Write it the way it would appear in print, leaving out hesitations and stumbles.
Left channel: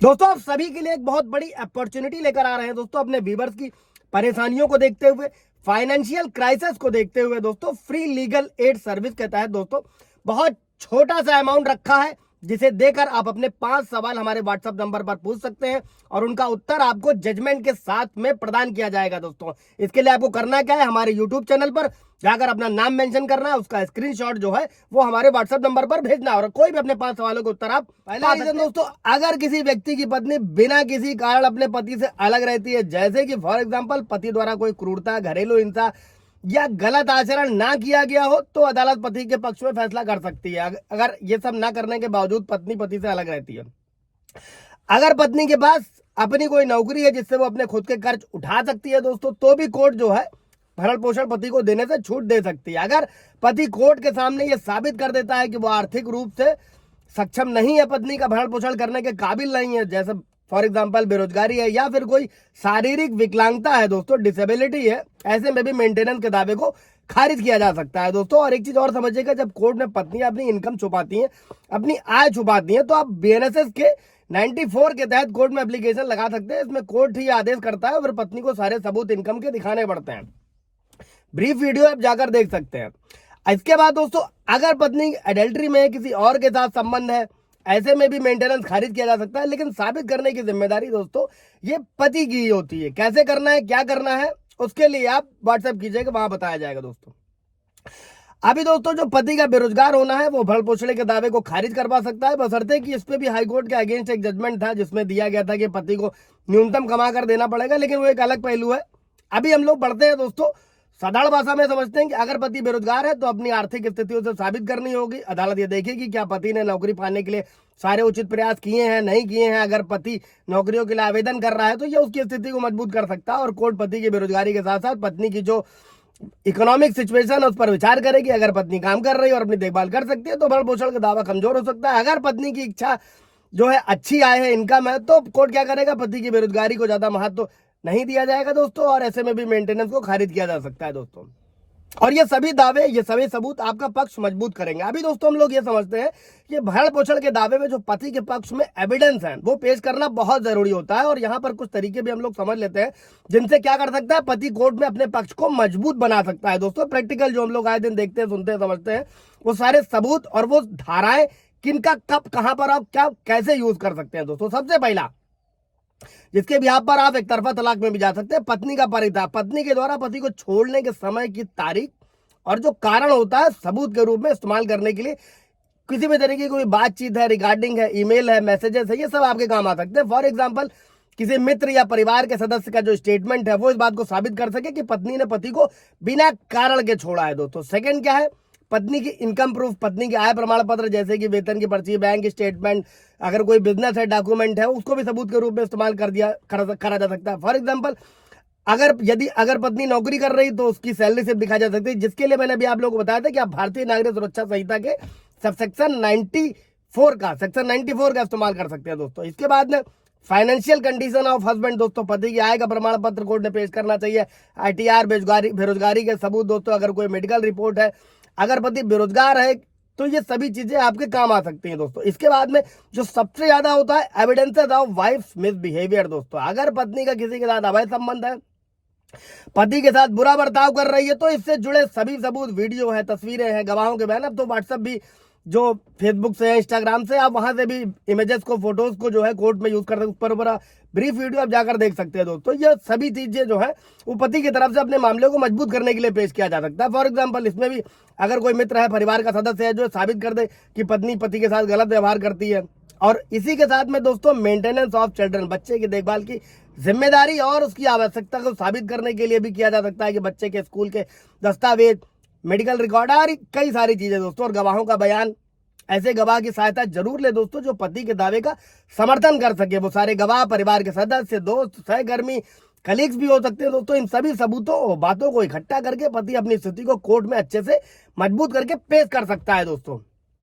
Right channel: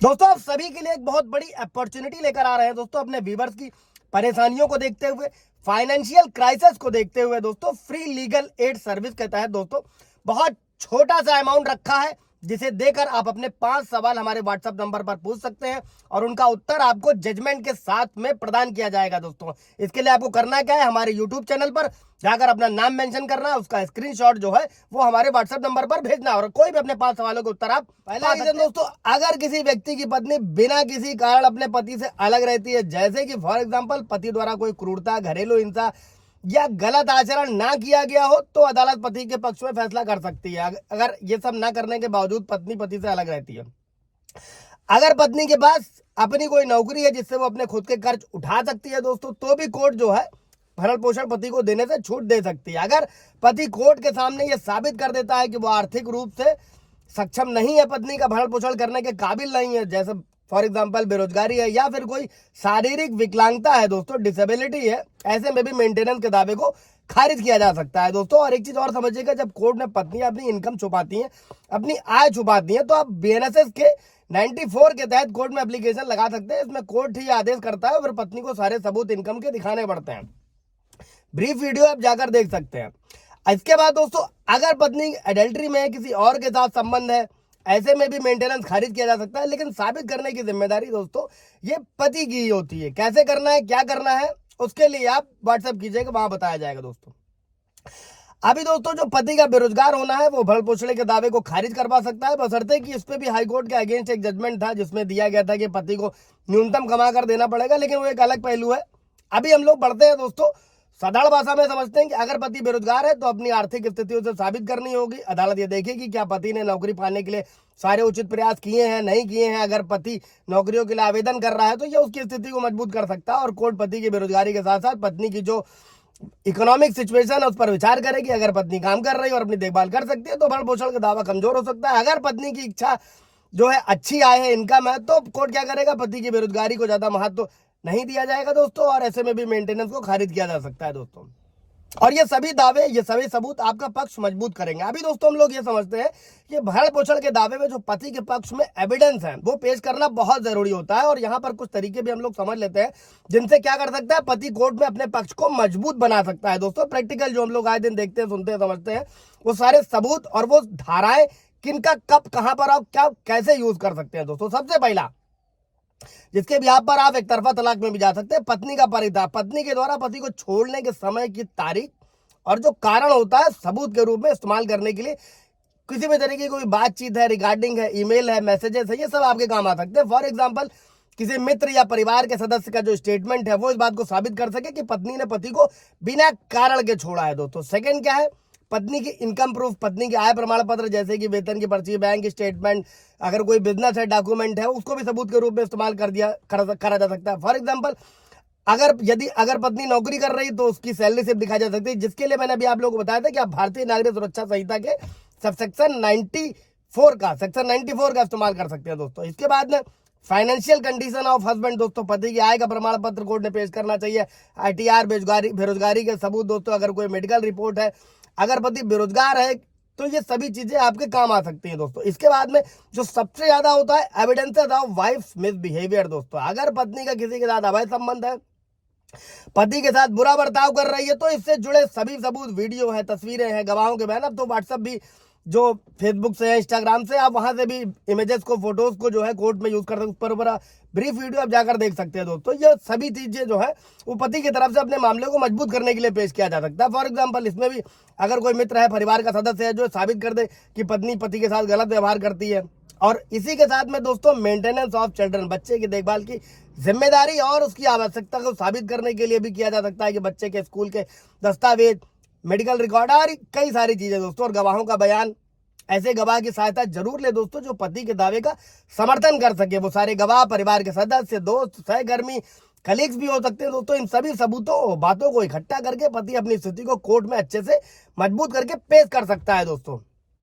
दोस्तों आप सभी के लिए एक बहुत बड़ी अपॉर्चुनिटी लेकर आ रहे हैं दोस्तों, अपने व्यूवर्स की परेशानियों को देखते हुए, फाइनेंशियल क्राइसिस को देखते हुए दोस्तों, फ्री लीगल एड सर्विस के तहत दोस्तों बहुत छोटा सा अमाउंट रखा है, जिसे देकर आप अपने 5 सवाल हमारे व्हाट्सएप नंबर पर पूछ सकते हैं और उनका उत्तर आपको जजमेंट के साथ में प्रदान किया जाएगा। दोस्तों इसके लिए आपको करना क्या है, हमारे यूट्यूब चैनल पर जाकर अपना नाम मेंशन करना है, उसका स्क्रीनशॉट जो है वो हमारे व्हाट्सएप नंबर पर भेजना और कोई भी अपने 5 सवालों के उत्तर आप पहला रीजन दोस्तों, अगर किसी व्यक्ति की पत्नी बिना किसी कारण अपने पति से अलग रहती है, जैसे कि फॉर एग्जांपल पति द्वारा कोई क्रूरता, घरेलू हिंसा या गलत आचरण ना किया गया हो, तो अदालत पति के पक्ष में फैसला कर सकती है। अगर ये सब ना करने के बावजूद पत्नी पति से अलग रहती है, अगर पत्नी के पास अपनी कोई नौकरी है जिससे वो अपने खुद के खर्च उठा सकती है दोस्तों, तो भी कोर्ट जो है भरण पोषण पति को देने से छूट दे सकती है। अगर पति कोर्ट के सामने ये साबित कर देता है कि वो आर्थिक रूप से सक्षम नहीं है, पत्नी का भरण पोषण करने के काबिल नहीं है, जैसे फॉर एग्जांपल बेरोजगारी है या फिर कोई शारीरिक विकलांगता है दोस्तों, डिसेबिलिटी है, ऐसे में भी मेंटेनेंस के दावे को खारिज किया जा सकता है दोस्तों। और एक चीज और समझिएगा, जब कोर्ट में पत्नी अपनी इनकम छुपाती है, अपनी आय छुपाती है, तो आप बीएनएसएस के 94 के तहत कोर्ट में एप्लीकेशन लगा सकते हैं। इसमें कोर्ट ही आदेश करता है, फिर पत्नी को सारे सबूत इनकम के दिखाने पड़ते हैं। ब्रीफ वीडियो आप जाकर देख सकते हैं। इसके बाद दोस्तों, अगर पत्नी एडल्ट्री में है, किसी और के साथ संबंध है, ऐसे में भी मेंटेनेंस खारिज किया जा सकता है, लेकिन साबित करने की जिम्मेदारी दोस्तों ये पति की ही होती है। कैसे करना है, क्या करना है, उसके लिए आप व्हाट्सएप कीजिएगा, वहां बताया जाएगा दोस्तों। अभी दोस्तों जो पति का बेरोजगार होना है वो भरण पोषण के दावे को खारिज करवा सकता है, बशर्ते कि इस पे भी हाईकोर्ट के अगेंस्ट एक जजमेंट था जिसमें दिया गया था कि पति को न्यूनतम कमा कर देना पड़ेगा, लेकिन वो एक अलग पहलू है। अभी हम लोग पढ़ते हैं दोस्तों, साधारण भाषा में समझते हैं कि अगर पति बेरोजगार है तो अपनी आर्थिक स्थितियों से साबित करनी होगी। अदालत ये देखेगी क्या पति ने नौकरी पाने के लिए सारे उचित प्रयास किए हैं, नहीं किए हैं। अगर पति नौकरियों के लिए आवेदन कर रहा है तो यह उसकी स्थिति को मजबूत कर सकता है और कोर्ट पति की बेरोजगारी के साथ साथ पत्नी की जो इकोनॉमिक सिचुएशन है उस पर विचार करेगी। अगर पत्नी काम कर रही है और अपनी देखभाल कर सकती है तो भरण पोषण का दावा कमजोर हो सकता है। अगर पत्नी की इच्छा जो है अच्छी आय है, इनकम है, तो कोर्ट क्या करेगा, पति की बेरोजगारी को ज्यादा महत्व नहीं दिया जाएगा दोस्तों, और ऐसे में भी मेंटेनेंस को खारिज किया जा सकता है दोस्तों। और ये सभी दावे, ये सभी सबूत आपका पक्ष मजबूत करेंगे। अभी दोस्तों हम लोग ये समझते हैं कि भरण पोषण के दावे में जो पति के पक्ष में एविडेंस है वो पेश करना बहुत जरूरी होता है, और यहाँ पर कुछ तरीके भी हम लोग समझ लेते हैं जिनसे क्या कर सकता है, पति कोर्ट में अपने पक्ष को मजबूत बना सकता है दोस्तों। प्रैक्टिकल जो हम लोग आए दिन देखते हैं, सुनते हैं, समझते हैं, वो सारे सबूत और वो धाराएं किनका कब कहां पर आप क्या कैसे यूज कर सकते हैं दोस्तों। सबसे पहला, जिसके बिहाफ पर आप एक तरफा तलाक में भी जा सकते हैं, पत्नी का परिता, पत्नी के द्वारा पति को छोड़ने के समय की तारीख और जो कारण होता है सबूत के रूप में इस्तेमाल करने के लिए। किसी भी तरीके की कोई बातचीत है, रिगार्डिंग है, ईमेल है, मैसेजेस है, ये सब आपके काम आ सकते हैं। फॉर एग्जाम्पल किसी मित्र या परिवार के सदस्य का जो स्टेटमेंट है वो इस बात को साबित कर सके कि पत्नी ने पति को बिना कारण के छोड़ा है दोस्तों। सेकंड क्या है, पत्नी की इनकम प्रूफ, पत्नी के आय प्रमाण पत्र जैसे कि वेतन की पर्ची, बैंक स्टेटमेंट, अगर कोई बिजनेस है, डॉक्यूमेंट है, उसको भी सबूत के रूप में इस्तेमाल करा जा सकता है। फॉर एग्जाम्पल अगर पत्नी नौकरी कर रही तो उसकी सैलरी स्लिप दिखाई जा सकती है, जिसके लिए मैंने अभी आप लोगों को बताया था कि आप भारतीय नागरिक सुरक्षा संहिता के सेक्शन 94 का इस्तेमाल कर सकते हैं दोस्तों। इसके बाद में फाइनेंशियल कंडीशन ऑफ हस्बैंड दोस्तों, पति की आय का प्रमाण पत्र कोर्ट ने पेश करना चाहिए। आईटीआर, बेरोजगारी के सबूत दोस्तों, अगर कोई मेडिकल रिपोर्ट है, अगर पति बेरोजगार है तो ये सभी चीजें आपके काम आ सकती हैं दोस्तों। इसके बाद में जो सबसे ज्यादा होता है, एविडेंसेस ऑफ वाइफ मिसबिहेवियर दोस्तों, अगर पत्नी का किसी के साथ अवैध संबंध है, पति के साथ बुरा बर्ताव कर रही है, तो इससे जुड़े सभी सबूत, वीडियो है, तस्वीरें हैं, गवाहों के बयान। अब तो व्हाट्सएप भी जो फेसबुक से है, इंस्टाग्राम से, आप वहां से भी इमेजेस को, फोटोज को जो है कोर्ट में यूज कर सकते, उस पर ब्रीफ वीडियो आप जाकर देख सकते हैं दोस्तों। ये सभी चीजें जो है वो पति की तरफ से अपने मामले को मजबूत करने के लिए पेश किया जा सकता है। फॉर एग्जाम्पल इसमें भी अगर कोई मित्र है, परिवार का सदस्य है, जो साबित कर दे कि पत्नी पति के साथ गलत व्यवहार करती है। और इसी के साथ में दोस्तों मेंटेनेंस ऑफ चिल्ड्रन, बच्चे की देखभाल की जिम्मेदारी और उसकी आवश्यकता को साबित करने के लिए भी किया जा सकता है कि बच्चे के स्कूल के दस्तावेज, मेडिकल रिकॉर्ड और कई सारी चीजें दोस्तों, और गवाहों का बयान। ऐसे गवाह की सहायता जरूर ले दोस्तों जो पति के दावे का समर्थन कर सके। वो सारे गवाह परिवार के सदस्य, दोस्त, सहकर्मी, कलीग्स भी हो सकते हैं दोस्तों। इन सभी सबूतों, बातों को इकट्ठा करके पति अपनी स्थिति को कोर्ट में अच्छे से मजबूत करके पेश कर सकता है दोस्तों।